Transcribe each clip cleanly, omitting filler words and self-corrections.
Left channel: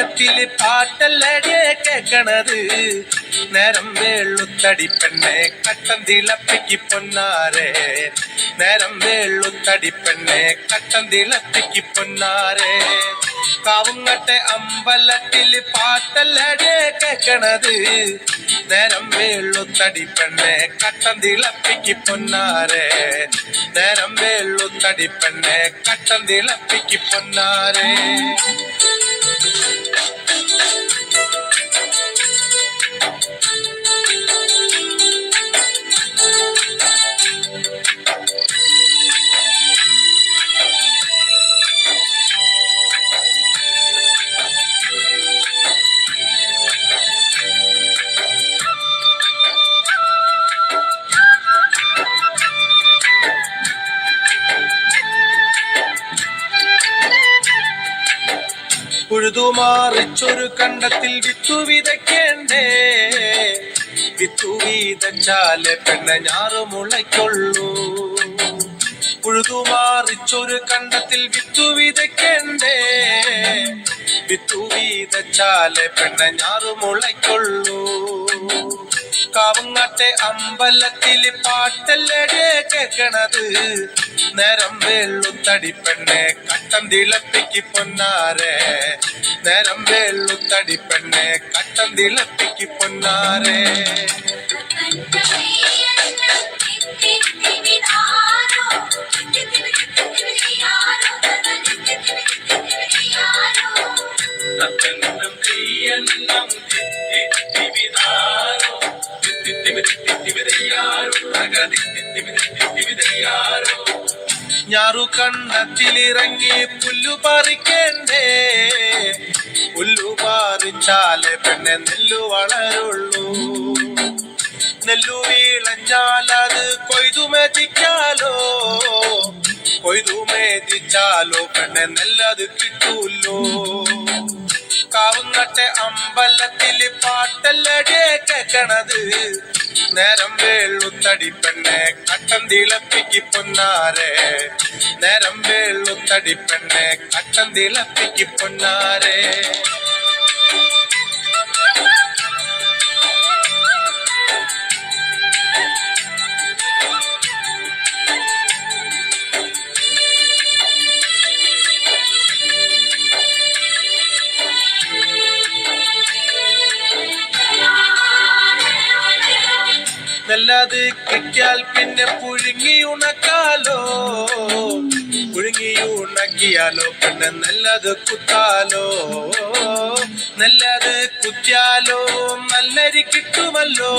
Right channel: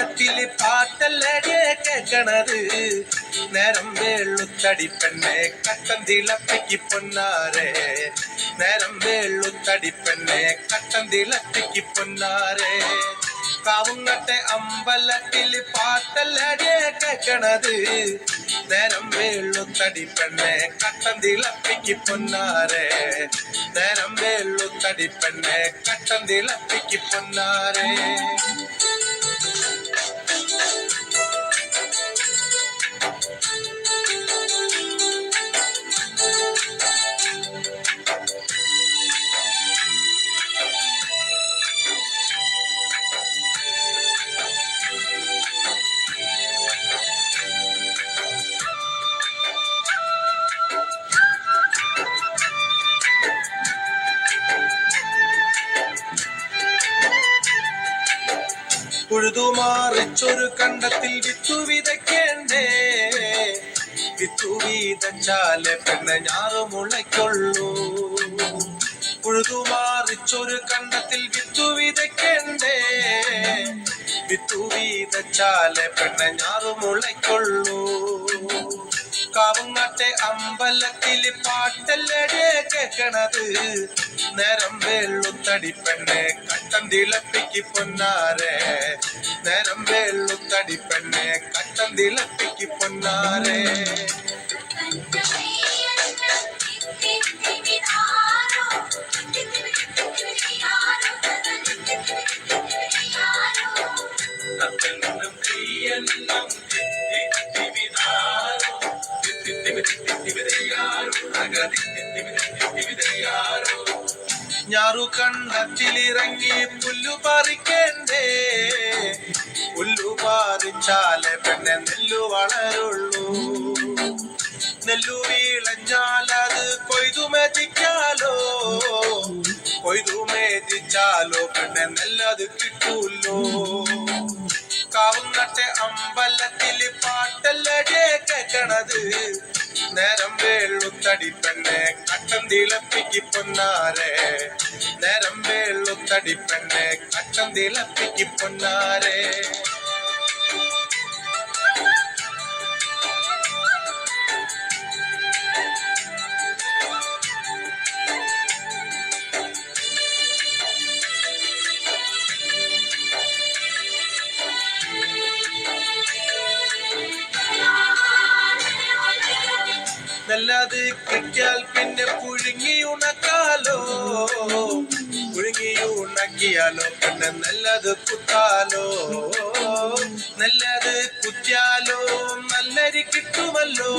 അമ്പലത്തില് പാട്ടല്ലടിയെ കേക്കണത്. നേരം വേളുത്തടി പെണ്ണെ കട്ടൻ തിളപ്പിക്ക് പൊന്നാരെ. നേരം വേളുത്തടി പെണ്ണെ കട്ടൻ തിളപ്പിക്ക് പൊന്നാരെ. കാവുങ്ങട്ടെ അമ്പലത്തില് പാട്ടല്ലടിയെ കേക്കണത്. നേരം വേളുത്തടി പെണ്ണെ കട്ടൻ തിളപ്പിക്ക് പൊന്നാരെ. നേരം വേളുത്തടി പെണ്ണെ കട്ടൻ തിളപ്പിക്ക് പൊന്നാരെ. ഉഴുതുമാറിച്ചൊരു കണ്ടത്തിൽ വിത്തു വിതയ്ക്കേണ്ടേ. വിത്തു വിതച്ചാലേ പെണ്ണെ ഞാറു മുളയ്ക്കൊള്ളൂ. ഉഴുതുമാറിച്ചൊരു കണ്ടത്തിൽ വിത്തു വിതയ്ക്കേണ്ടേ. വിത്തു വിതച്ചാലേ പെണ്ണെ ഞാറു മുളയ്ക്കൊള്ളൂ. കാവുങ്ങാട്ടെ അമ്പലത്തില് പാട്ടല്ലടിയെ കേക്കണത്. നേരം വേളുത്തടി പെണ്ണെ കട്ടൻ തിളപ്പിക്ക് പൊന്നാരെ. നേരം വേളുത്തടി പെണ്ണെ കട്ടൻ തിളപ്പിക്ക് പൊന്നാരെ. ഞാറു കണ്ണത്തിലിറങ്ങി പുല്ലു പറിക്കേണ്ടേ. പുല്ലു പറിച്ചാലേ പെണ്ണെ നെല്ലു വളരുള്ളൂ. നെല്ലു വീളഞ്ഞാലത് കൊയ്തു മെതിക്കാലോ. കൊയ്തു മെതിച്ചാലോ പെണ്ണെ നെല്ലത് കിട്ടൂല്ലോ. കാവുങ്ങട്ടെ അമ്പലത്തില് പാട്ടല്ലടിയെ കേക്കണത്. നേരം വേളുത്തടി പെണ്ണെ കട്ടൻ തിളപ്പിക്ക് പൊന്നാരെ. നേരം വേളുത്തടി പെണ്ണെ കട്ടൻ തിളപ്പിക്ക് പൊന്നാരെ. നെല്ലത് കിട്ടിയാൽ പിന്നെ പുഴുങ്ങി ഉണക്കാലോ. പുഴുങ്ങി ഉണക്കിയാലോ പെണ്ണെ നെല്ലത് കുത്താലോ. നെല്ലത് കുത്തിയാലോ നല്ലരി കിട്ടുമല്ലോ.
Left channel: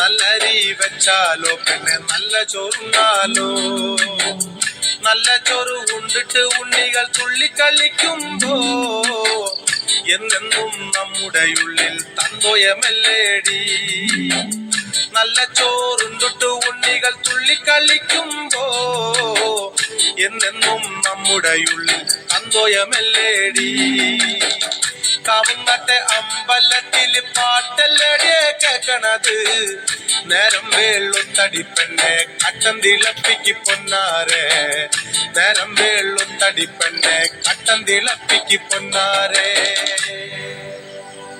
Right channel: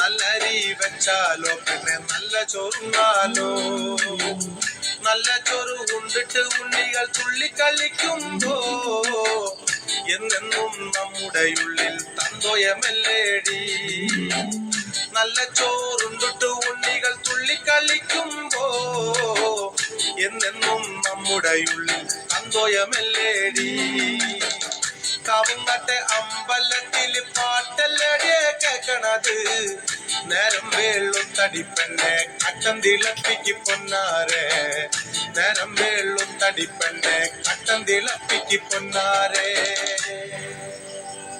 നല്ലരി വെച്ചാലോ പെണ്ണെ നല്ല ചോറുന്നാലോ. നല്ല ചോറ് ഉണ്ടിട്ട് ഉണ്ണികൾ തുള്ളിക്കളിക്കുമ്പോ എന്നെന്നും നമ്മുടെ ഉള്ളിൽ തന്തോയമല്ലേടി. നല്ല ചോറുണ്ടിട്ട് ഉണ്ണികൾ തുള്ളിക്കളിക്കുമ്പോ എന്നെന്നും നമ്മുടെ ഉള്ളിൽ തന്തോയമല്ലേടി. കാവുങ്ങട്ടെ അമ്പലത്തില് പാട്ടല്ലടിയെ കേക്കണത്. നേരം വേളുത്തടി പെണ്ണെ കട്ടൻ തിളപ്പിക്ക് പൊന്നാരെ. നേരം വേളുത്തടി പെണ്ണെ കട്ടൻ തിളപ്പിക്ക് പൊന്നാരെ.